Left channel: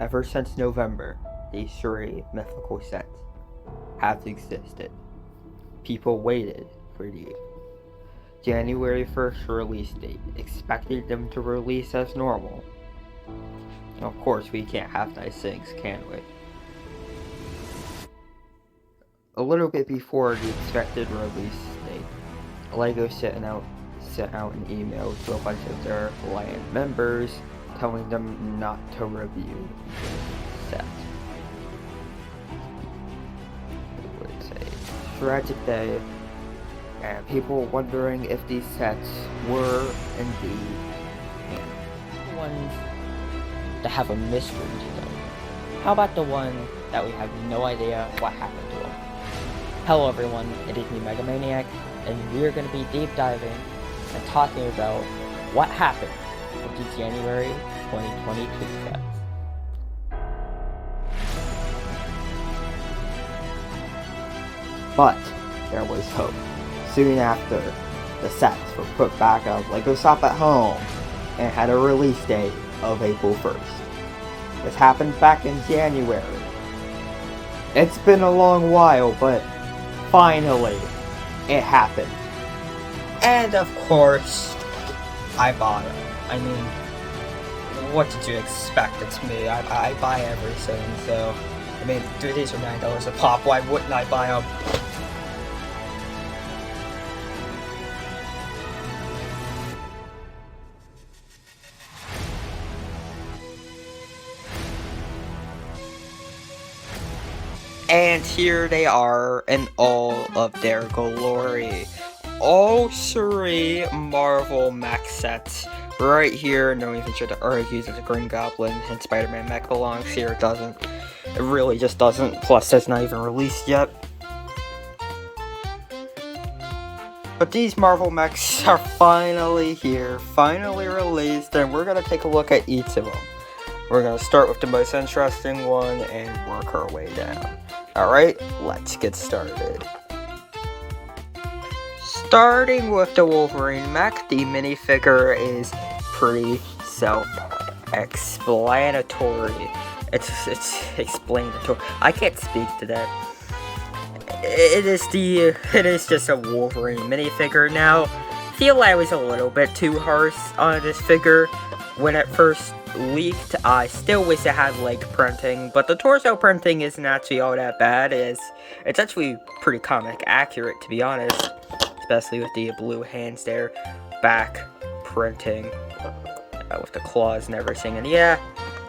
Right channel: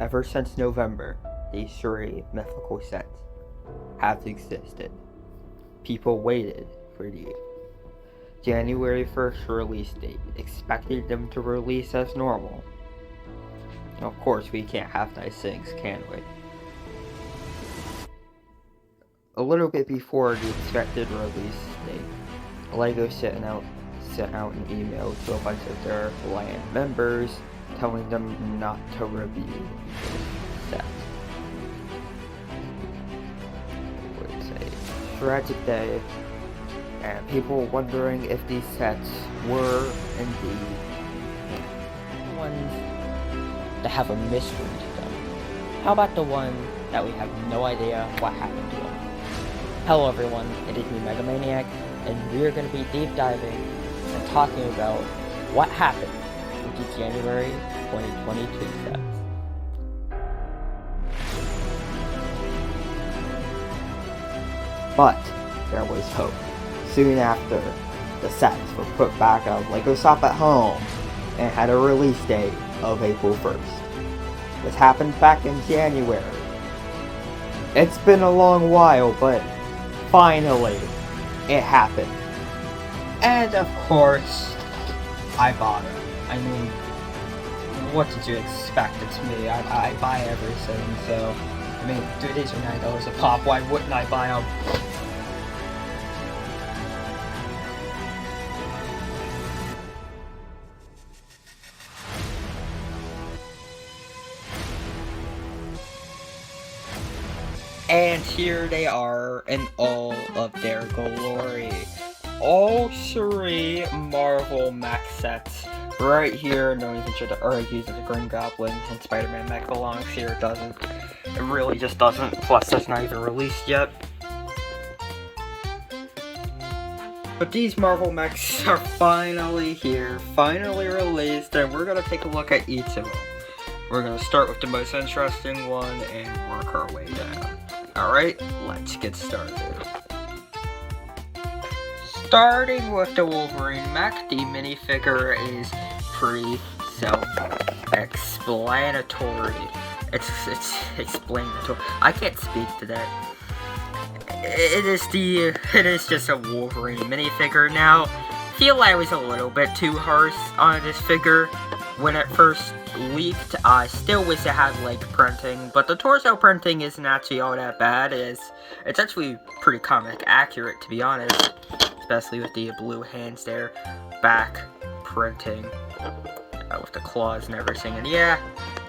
Ever since November, these 3 mythical sets have existed. People waited for the January 1st release date, expecting them to release as normal. Of course, we can't have nice things, can we? A little bit before the expected release date, LEGO sent out an email to a bunch of their Land members telling them not to review the set. It was a tragic day, and people wondering if these sets were indeed The ones that have a mystery to them. How about the one that we have no idea what happened to them? Hello everyone, it is me Megamaniac, and we are going to be deep diving and talking about what happened with the January 2022 sets. But there was hope. Soon after, the sets were put back on LEGO Shop at Home and had a release date of April 1st. This happened back in January. It's been a long while, but finally, it happened. And of course, I bought it. I mean, what did you expect? It's me. I buy everything, so... I mean, dude, these are $9 a pop. Why wouldn't I buy them? And here they are in all of their glory. All 3 Marvel mech sets right here. No one even should argue that the Green Goblin and Spider-Man mech belongs here. It doesn't. It really just doesn't. Plus, it's not even released yet. But these Marvel mechs are finally here, finally released, and we're going to take a look at each of them. We're going to start with the most interesting one and work our way down. Alright, let's get started. Starting with the Wolverine Mac, the minifigure is pretty self-explanatory. It's explanatory. I can't speak today. It is just a Wolverine minifigure. Now, I feel like I was a little bit too harsh on this figure when it first leaked. I still wish it had leg printing, but the torso printing isn't actually all that bad. It's actually pretty comic accurate, to be honest, especially with the blue hands there, back printing with the claws and everything. And yeah,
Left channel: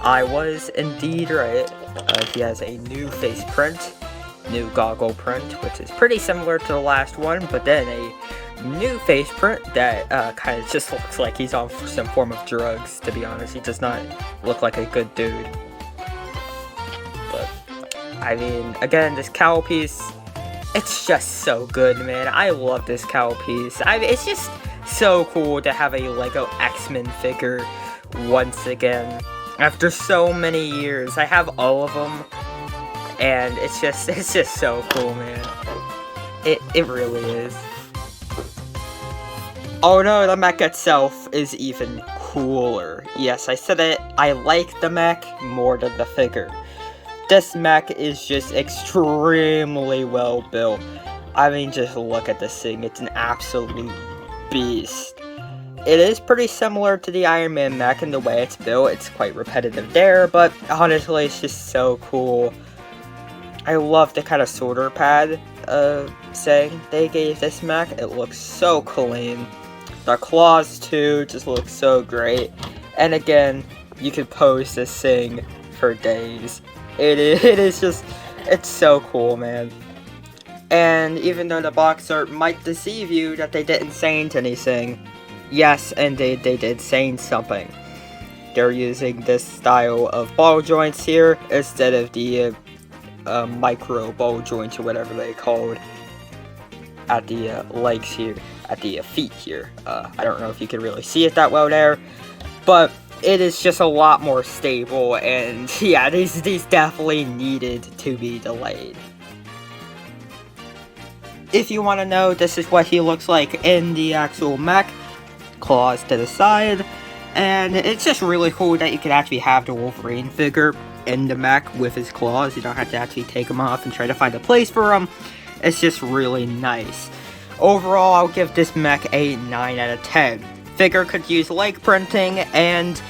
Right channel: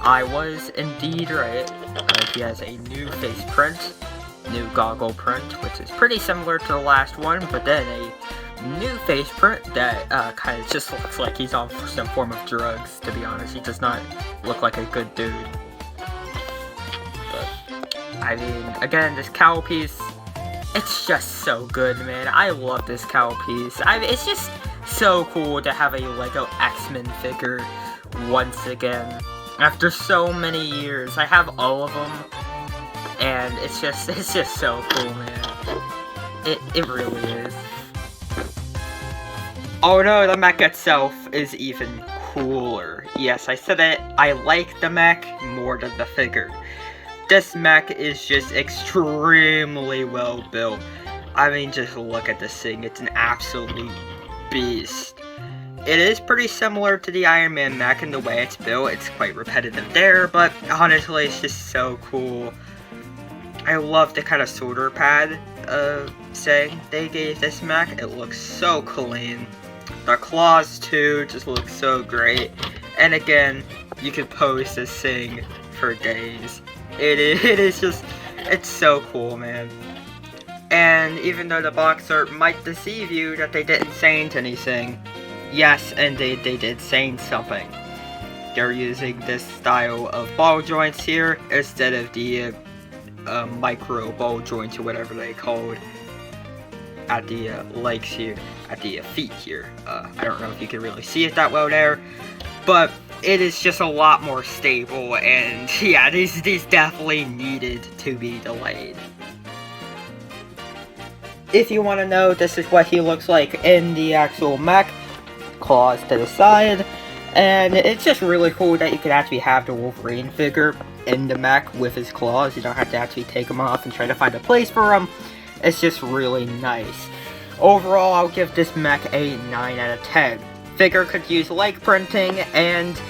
I was indeed right. He has a new face print, new goggle print, which is pretty similar to the last one, but then a new face print that kind of just looks like he's on some form of drugs, to be honest. He does not look like a good dude. But, I mean, again, this cowl piece, it's just so good, man. I love this cowl piece. It's just so cool to have a LEGO X-Men figure once again. After so many years, I have all of them, and it's just so cool, man. It really is. Oh no, the mech itself is even cooler. Yes, I said it, I like the mech more than the figure. This mech is just extremely well built. I mean, just look at this thing, it's an absolute beast. It is pretty similar to the Iron Man mech in the way it's built. It's quite repetitive there, but honestly, it's just so cool. I love the kind of shoulder pad saying they gave this mech. It looks so clean. The claws too just look so great. And again, you could pose this thing for days. It is just, it's so cool, man. And even though the box art might deceive you that they didn't change anything, yes, indeed they did change something. They're using this style of ball joints here instead of the micro ball joints or whatever they called at the legs here, at the feet here. I don't know if you can really see it that well there, but it is just a lot more stable, and yeah, these definitely needed to be delayed. If you want to know, this is what he looks like in the actual mech. Claws to the side, and it's just really cool that you can actually have the Wolverine figure in the mech with his claws. You don't have to actually take them off and try to find a place for them. It's just really nice. Overall, I'll give this mech a 9 out of 10. Figure could use leg printing, and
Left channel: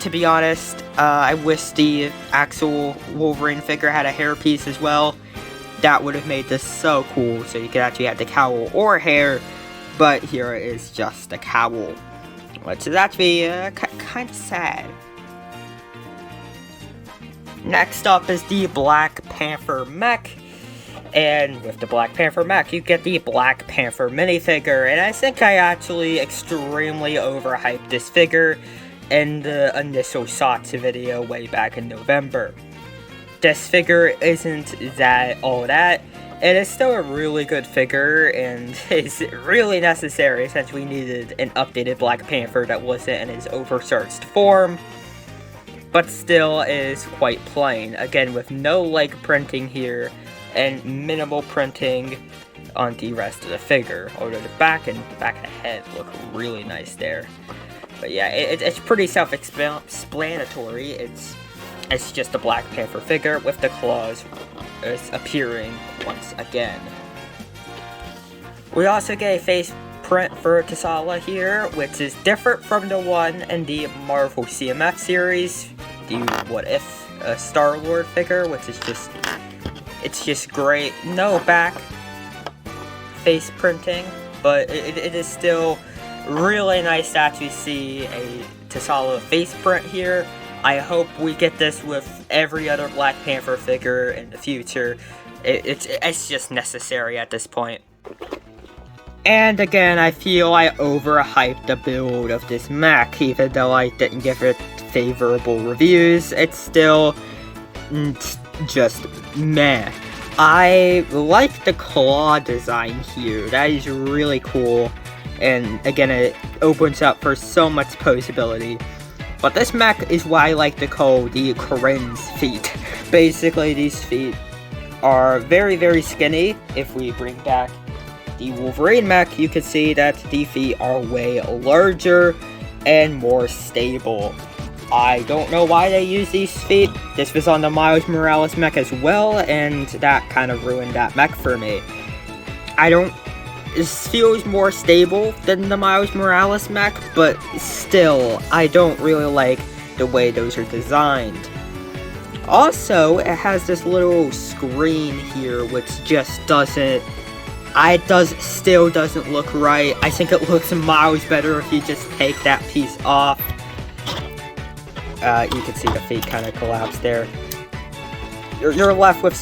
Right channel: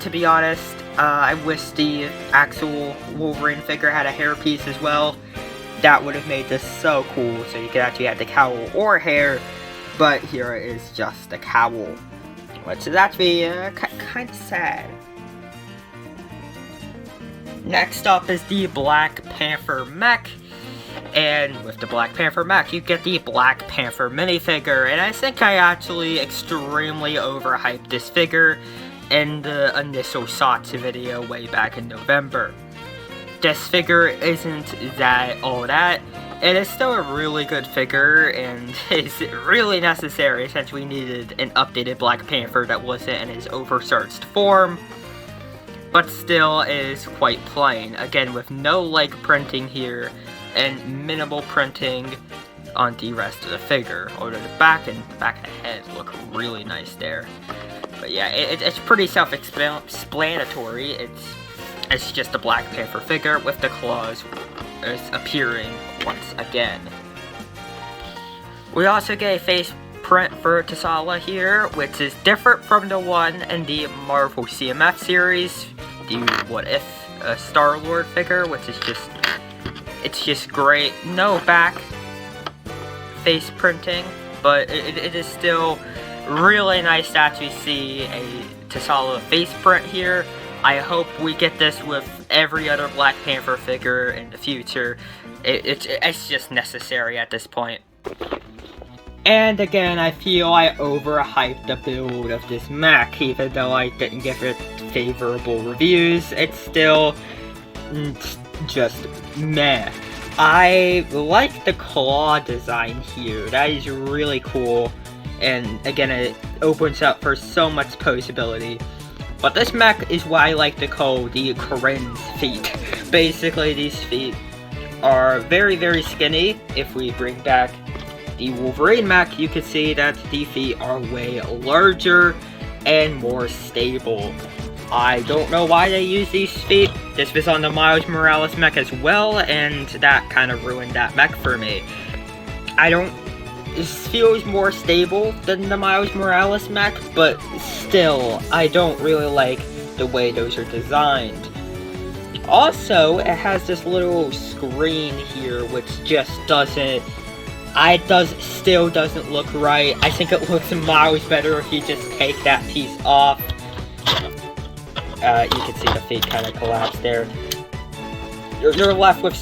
to be honest, I wish the actual Wolverine figure had a hairpiece as well. That would have made this so cool, so you could actually have the cowl or hair, but here it is just the cowl. Which is actually kind of sad. Next up is the Black Panther mech. And with the Black Panther mech, you get the Black Panther minifigure. And I think I actually extremely overhyped this figure in the initial shots video way back in November. This figure isn't all that. It is still a really good figure, and is really necessary since we needed an updated Black Panther that wasn't in his oversearched form, but still is quite plain. Again, with no leg printing here, and minimal printing on the rest of the figure. Although the back and the head look really nice there. But yeah, it's pretty self-explanatory. It's just a Black Panther figure with the claws appearing once again. We also get a face print for T'Challa here, which is different from the one in the Marvel CMF series, the What If Star-Lord figure, which is just great. No back face printing, but it is still really nice to actually see a T'Challa face print here. I hope we get this with every other Black Panther figure in the future. It's just necessary at this point. And again, I feel I overhyped the build of this mech, even though I didn't give it favorable reviews. It's still just meh. I like the claw design here. That is really cool. And again, it opens up for so much possibility. But this mech is what I like to call the Corinne's feet. Basically, these feet are very, very skinny. If we bring back the Wolverine Mac, you can see that the feet are way larger and more stable. I don't know why they use these feet. This was on the Miles Morales mech as well, and that kind of ruined that mech for me. This feels more stable than the Miles Morales mech, but still, I don't really like the way those are designed. Also, it has this little screen here, which just still doesn't look right. I think it looks miles better if you just take that piece off. You can see the feet kind of collapse there. You're left with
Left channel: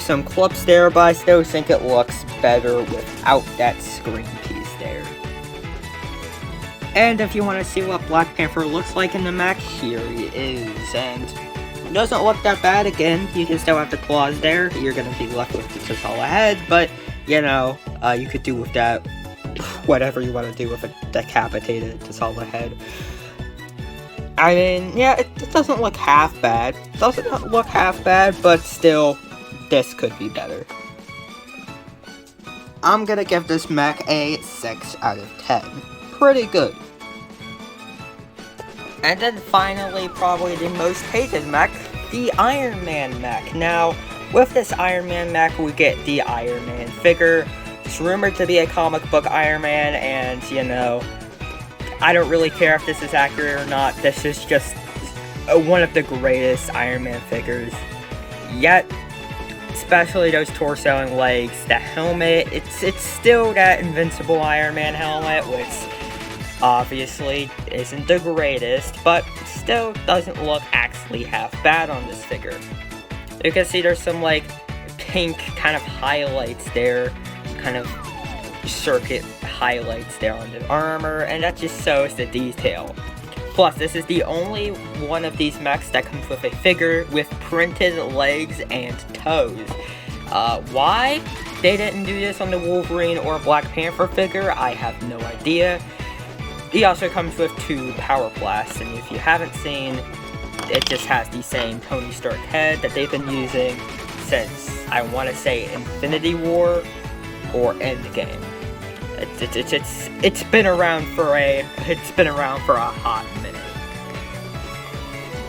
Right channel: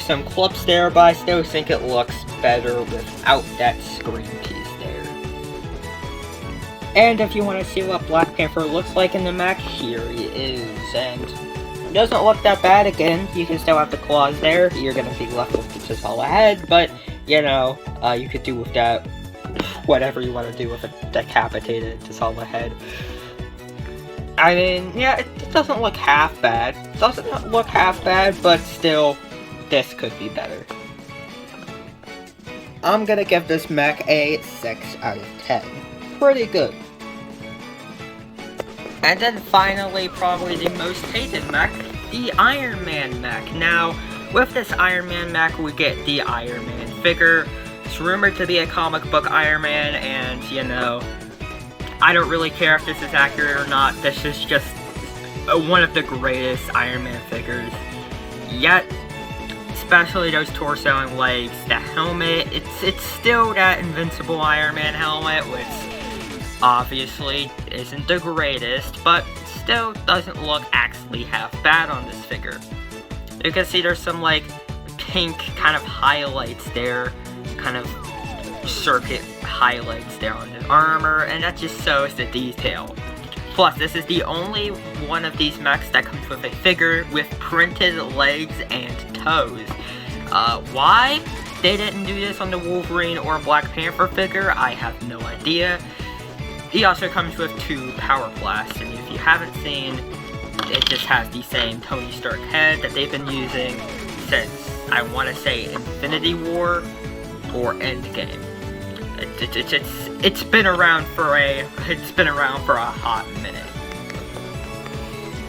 some clips there, but I still think it looks better without that screen piece there. And if you want to see what Black Panther looks like in the mech, here he is. And it doesn't look that bad. Again, you can still have the claws there. You're going to be left with the T'Challa head, but, you know, you could do with that whatever you want to do with a decapitated T'Challa head. I mean, yeah, it doesn't look half bad. But still, this could be better. I'm gonna give this mech a 6 out of 10. Pretty good. And then finally, probably the most hated mech, the Iron Man mech. Now, with this Iron Man mech, we get the Iron Man figure. It's rumored to be a comic book Iron Man, and, you know, I don't really care if this is accurate or not. This is just one of the greatest Iron Man figures yet. Especially those torso and legs. The helmet, it's still that invincible Iron Man helmet, which obviously isn't the greatest, but still doesn't look actually half bad on this figure. You can see there's some like pink kind of highlights there, kind of circuit highlights there on the armor, and that just shows the detail. Plus, this is the only one of these mechs that comes with a figure with printed legs and toes. Why they didn't do this on the Wolverine or Black Panther figure, I have no idea. He also comes with 2 power blasts, and if you haven't seen, it just has the same Tony Stark head that they've been using since, I want to say, Infinity War or Endgame. It's been around for a hot minute.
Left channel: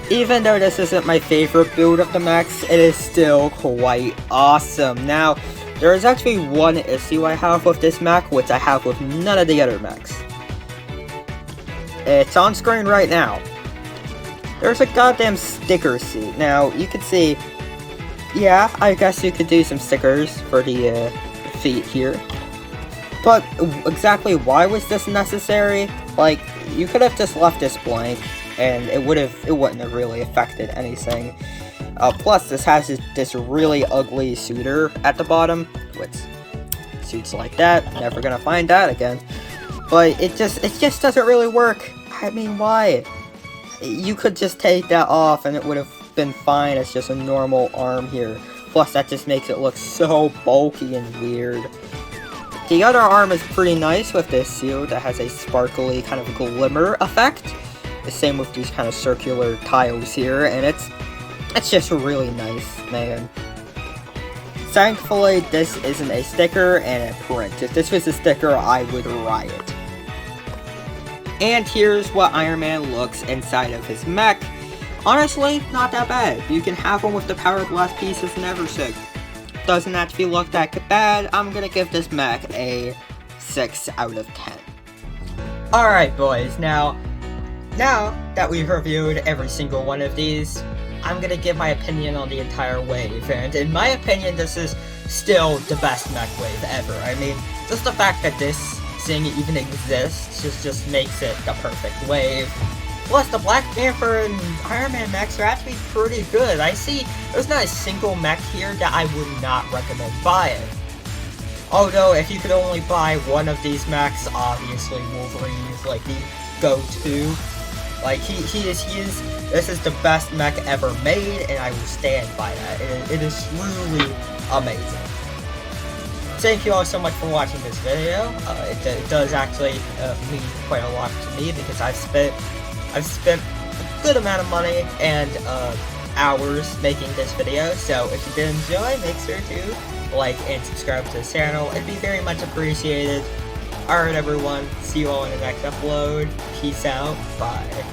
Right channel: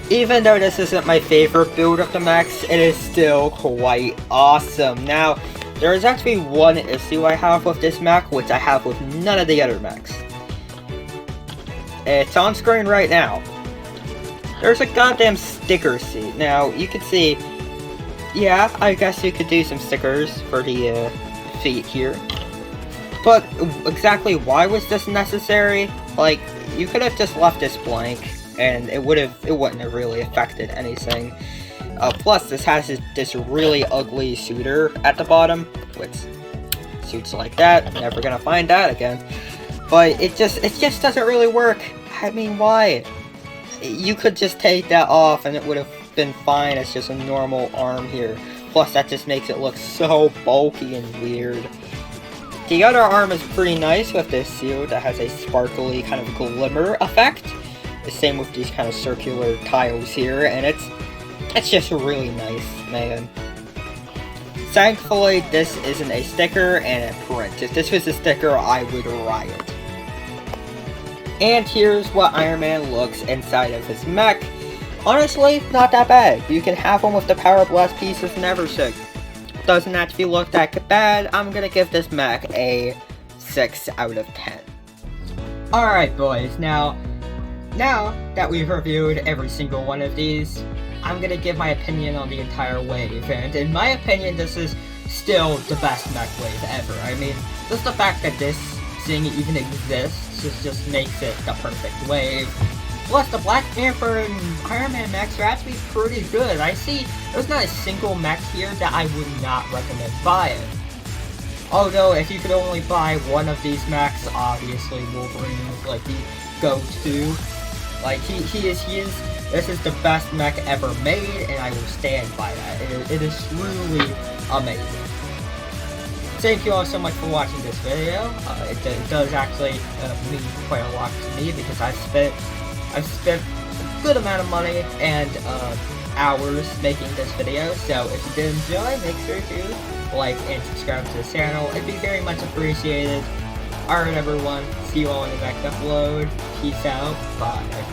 Even though this isn't my favorite build of the mechs, it is still quite awesome. Now, there is actually one issue I have with this mech, which I have with none of the other mechs. It's on screen right now. There's a goddamn sticker seat. Now, you can see, yeah, I guess you could do some stickers for the feet here. But exactly why was this necessary? Like, you could have just left this blank, and it wouldn't have really affected anything. Plus, this has this really ugly shooter at the bottom, which shoots like that. Never gonna find that again. But it just doesn't really work. I mean, why? You could just take that off, and it would have been fine as just a normal arm here. Plus, that just makes it look so bulky and weird. The other arm is pretty nice with this shield that has a sparkly kind of glimmer effect. The same with these kind of circular tiles here, and it's just really nice, man. Thankfully, this isn't a sticker and a print. If this was a sticker, I would riot. And here's what Iron Man looks inside of his mech. Honestly, not that bad. You can have one with the Power Blast pieces and everything. Doesn't actually look that bad. I'm gonna give this mech a 6 out of 10. Alright boys, now that we've reviewed every single one of these, I'm gonna give my opinion on the entire wave, and in my opinion this is still the best mech wave ever. I mean, just the fact that this thing even exists just makes it the perfect wave. Plus, the Black Panther and Iron Man mechs are actually pretty good. I see there's not a single mech here that I would not recommend buying. Although, if you could only buy one of these mechs, obviously Wolverine is like the go-to. Like, he is, this is the best mech ever made, and I will stand by that. It is truly amazing. Thank you all so much for watching this video. It does actually mean quite a lot to me, because I've spent a good amount of money and hours making this video, so if you did enjoy, make sure to like and subscribe to the channel. It'd be very much appreciated. Alright everyone, see you all in the next upload. Peace out, bye.